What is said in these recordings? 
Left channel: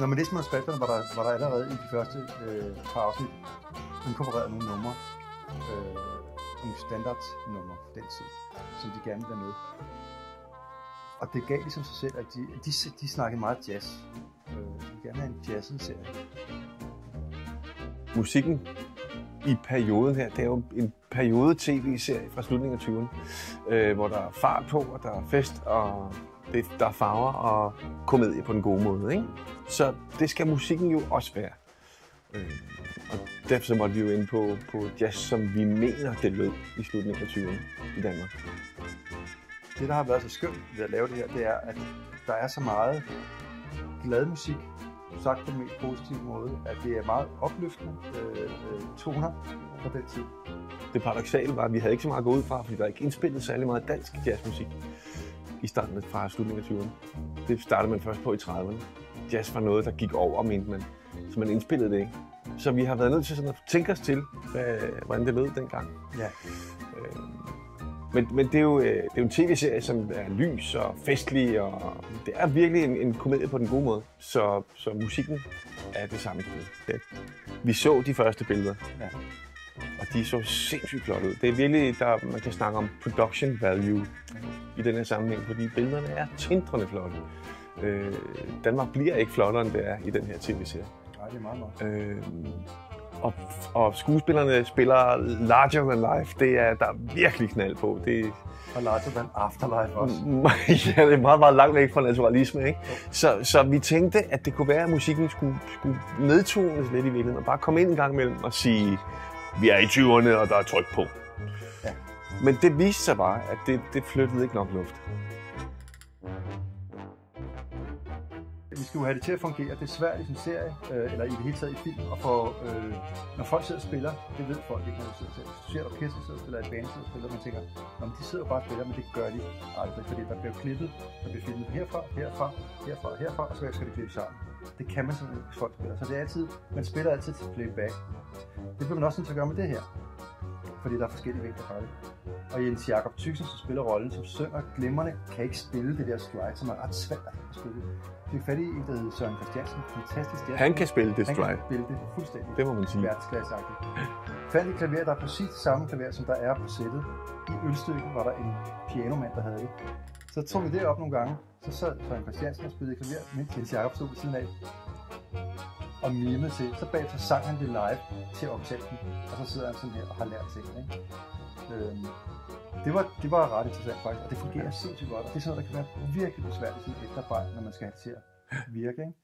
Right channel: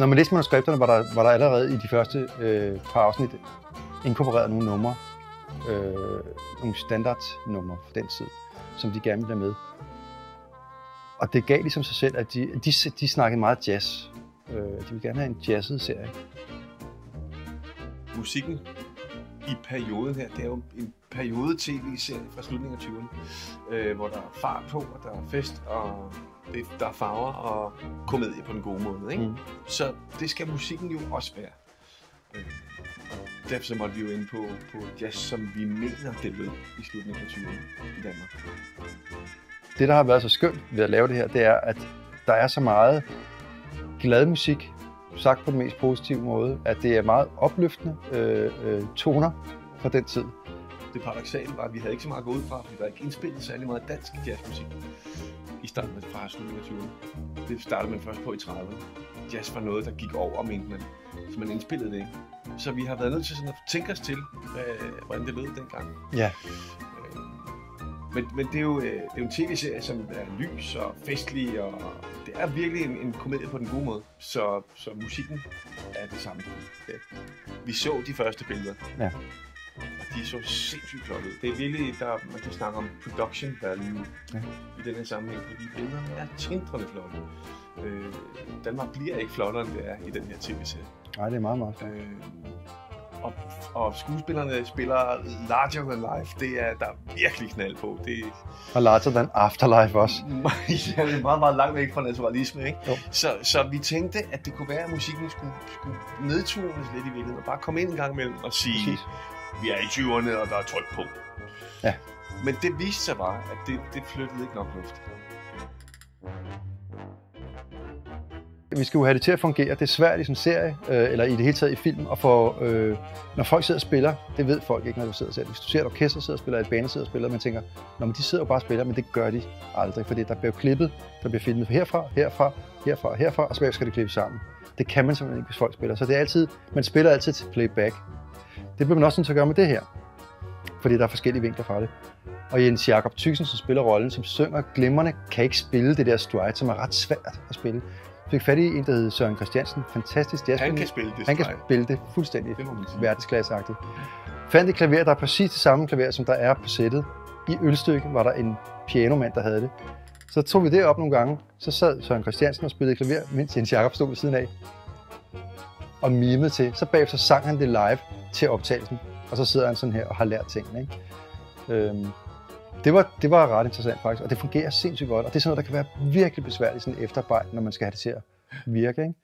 Når man læste manuskripterne, var der allerede i de første par afsnit inkorporeret nogle numre, nogle standardnumre for den tid, som de gerne ville have med. Og det gav ligesom sig selv, at de snakkede meget jazz. De ville gerne have en jazzet serie. Musikken i perioden her, det er jo en periode-tv-serie fra slutningen af 20'erne, hvor der er fart på, og der er fest, og der er farver og komedie på den gode måde, ikke? Så det skal musikken jo også være. Derfor så måtte vi jo inde på jazz, som vi mener, det lød i slutningen af 20'erne i Danmark. Det, der har været så skønt ved at lave det her, det er, at der er så meget glad musik, sagt på den mest positive måde, at det er meget opløftende toner fra den tid. Det paradoksale var, at vi havde ikke så meget gået ud fra, fordi der ikke indspillet særlig meget dansk jazzmusik i starten fra slutningen af 20'erne. Det startede man først på i 30'erne. Jazz var noget, der gik over, mente man, så man indspillede det ikke. Så vi har været nødt til sådan at tænke os til, hvordan det lød dengang. Ja. Men det er jo en tv-serie, som er lys og festlig, og det er virkelig en komedie på den gode måde. Så musikken er det samme. Ja. Vi så de første billeder, og de så sindssygt flot ud. Det er virkelig, man kan snakke om production value i den her sammenhæng, fordi billederne er tindrende flotte. Danmark bliver ikke flottere, end det er i den her tv-serie. Nej, det er meget meget. Og skuespillerne spiller larger than life. Der er virkelig knald på. Og larger than afterlife også. Ja, det er meget, meget langt væk fra naturalisme, ikke? Så vi tænkte, at det kunne være, at musikken skulle nedtones lidt i virkeligheden, og bare komme ind en gang imellem og sige, vi er i 20'erne, og der er tryk på. Ja. Men det viste sig bare, at det flyttede ikke nok luft. Vi skal jo have det til at fungere. Det er svært i sådan en serie, eller i det hele taget i film, og når folk sidder og spiller, det ved folk ikke, når du sidder selv. Hvis du ser et orkester sidder og spiller, et band sidder og spiller, man tænker, men de sidder jo bare og spiller, men det gør de aldrig, fordi der bliver klippet, der bliver filmet herfra, og så skal det klippes sammen. Det kan man simpelthen ikke, hvis folk spiller. Så det er altid, man spiller altid til playback. Det bliver man også nødt til at gøre med det her, fordi der er forskellige vinkler fra det. Og Jens Jakob Thyssen, som spiller rollen, som synger glimrende, kan ikke spille det der stride, som er ret svært at spille. Jeg fik fat i en, der hedder Søren Christiansen. Fantastisk jazz. Han kan spille det. Han kan spille det fuldstændig. Det må man sige. Verdensklasseagtigt. Fandt et klaver, der er præcis det samme klaver, som der er på sættet. I Ølstykke var der en pianomand, der havde det. Så tog vi det op nogle gange. Så sad Søren Christiansen og spillede klaver, mens Jens Jakob stod ved siden af. Og mimede til. Så bagefter sang han det live til optagelsen. Og så sidder han sådan her og har lært tingene, ikke? Det var ret interessant faktisk, og det fungerer sindssygt godt. Og det er sådan noget, der kan være virkelig besværligt sådan efterarbejde, når man skal have det til at virke, ikke?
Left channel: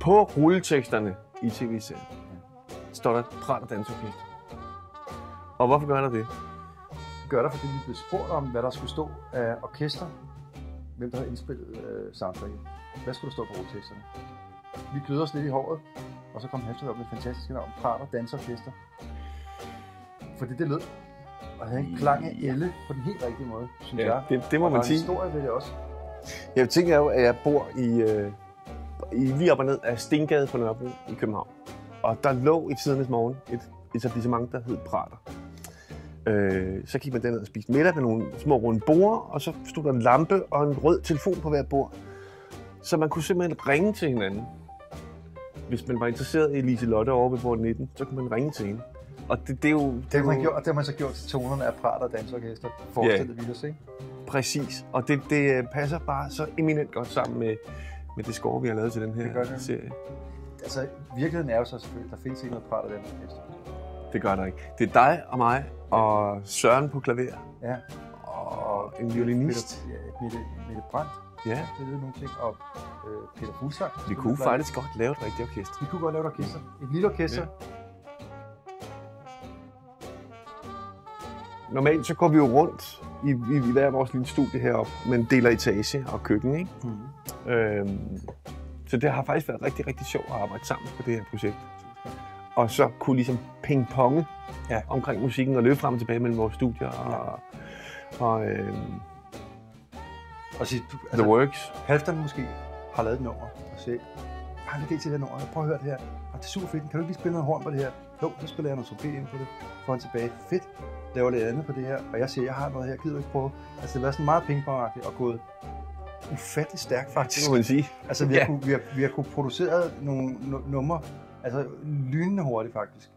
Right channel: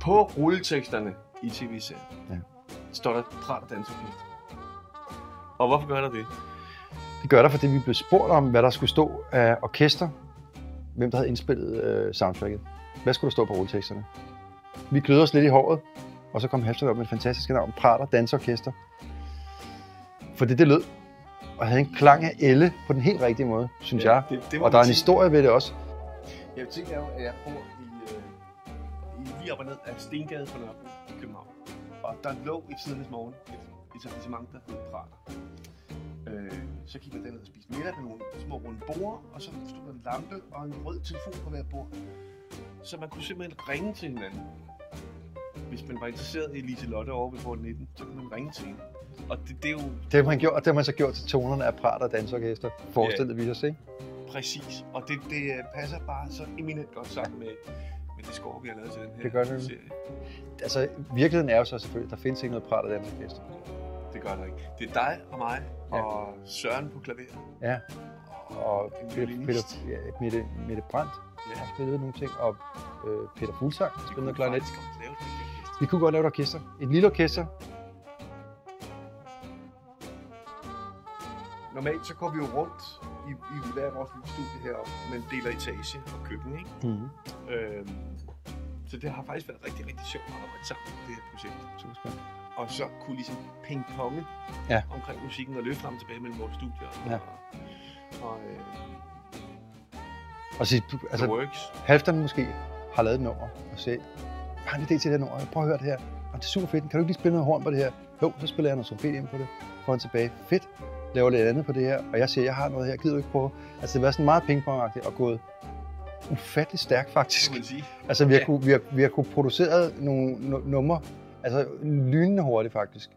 På rulleteksterne i tv-serien står der Prat og Dansorkester. Og hvorfor gør der det? Det gør der, fordi vi blev spurgt om, hvad der skulle stå af orkester. Hvem der havde indspillet soundtracket. Hvad skulle der stå på rulleteksterne? Vi glødede os lidt i håret. Og så kom Halfdan op med et fantastisk navn, Prat og Dansorkester. Fordi det lød, og havde en klang af elle på den helt rigtige måde, synes jeg. Det og der er en historie ved det også. Jeg tænker jo, at jeg bor lige op og ned af Stengade på Nørrebro i København. Og der lå i tidernes morgen et etablissement, der hed Prater. Så gik man derned og spiste middag med nogle små runde borde, og så stod der en lampe og en rød telefon på hver bord. Så man kunne simpelthen ringe til hinanden. Hvis man var interesseret i Liselotte over ved bord 19, så kunne man ringe til hende. Og det er jo... Det har man så gjort til tonerne af Prat og Dansorkester, forestillede vi os, ikke? Præcis, og det passer bare så eminent godt sammen med det score, vi har lavet til den her serie. Altså, virkeligheden er jo så selvfølgelig, der findes ikke noget Prat og Dansorkester. Det gør der ikke. Det er dig og mig og Søren på klaver. Ja. Og en violinist. Mette Brandt. Ja, spillede nogle ting, og Peter Fuglsang. Vi kunne faktisk godt lave et rigtigt orkester. Vi kunne godt lave et orkester. Et lille orkester. Ja. Normalt så går vi jo rundt i hver vores lille studie heroppe, men deler etage og køkken, ikke? Så det har faktisk været rigtig, rigtig sjovt at arbejde sammen på det her projekt. Og så kunne ligesom ping-ponge omkring musikken og løbe frem og tilbage mellem vores studier og sige, The Works. Halfdan måske har lavet et nummer og siger, har en idé til det nummer, prøv at høre det her. Og det er super fedt, kan du ikke lige spille noget horn på det her? Jo, så spiller jeg noget trompet ind på det, får han tilbage. Fedt. laver lidt andet på det her, og jeg siger, jeg har noget her, gider du ikke prøve? Altså det har været sådan meget pingpongagtigt og gået ufattelig stærkt faktisk. Det må man sige. Altså vi har kunnet producere nogle numre, altså lynende hurtigt faktisk.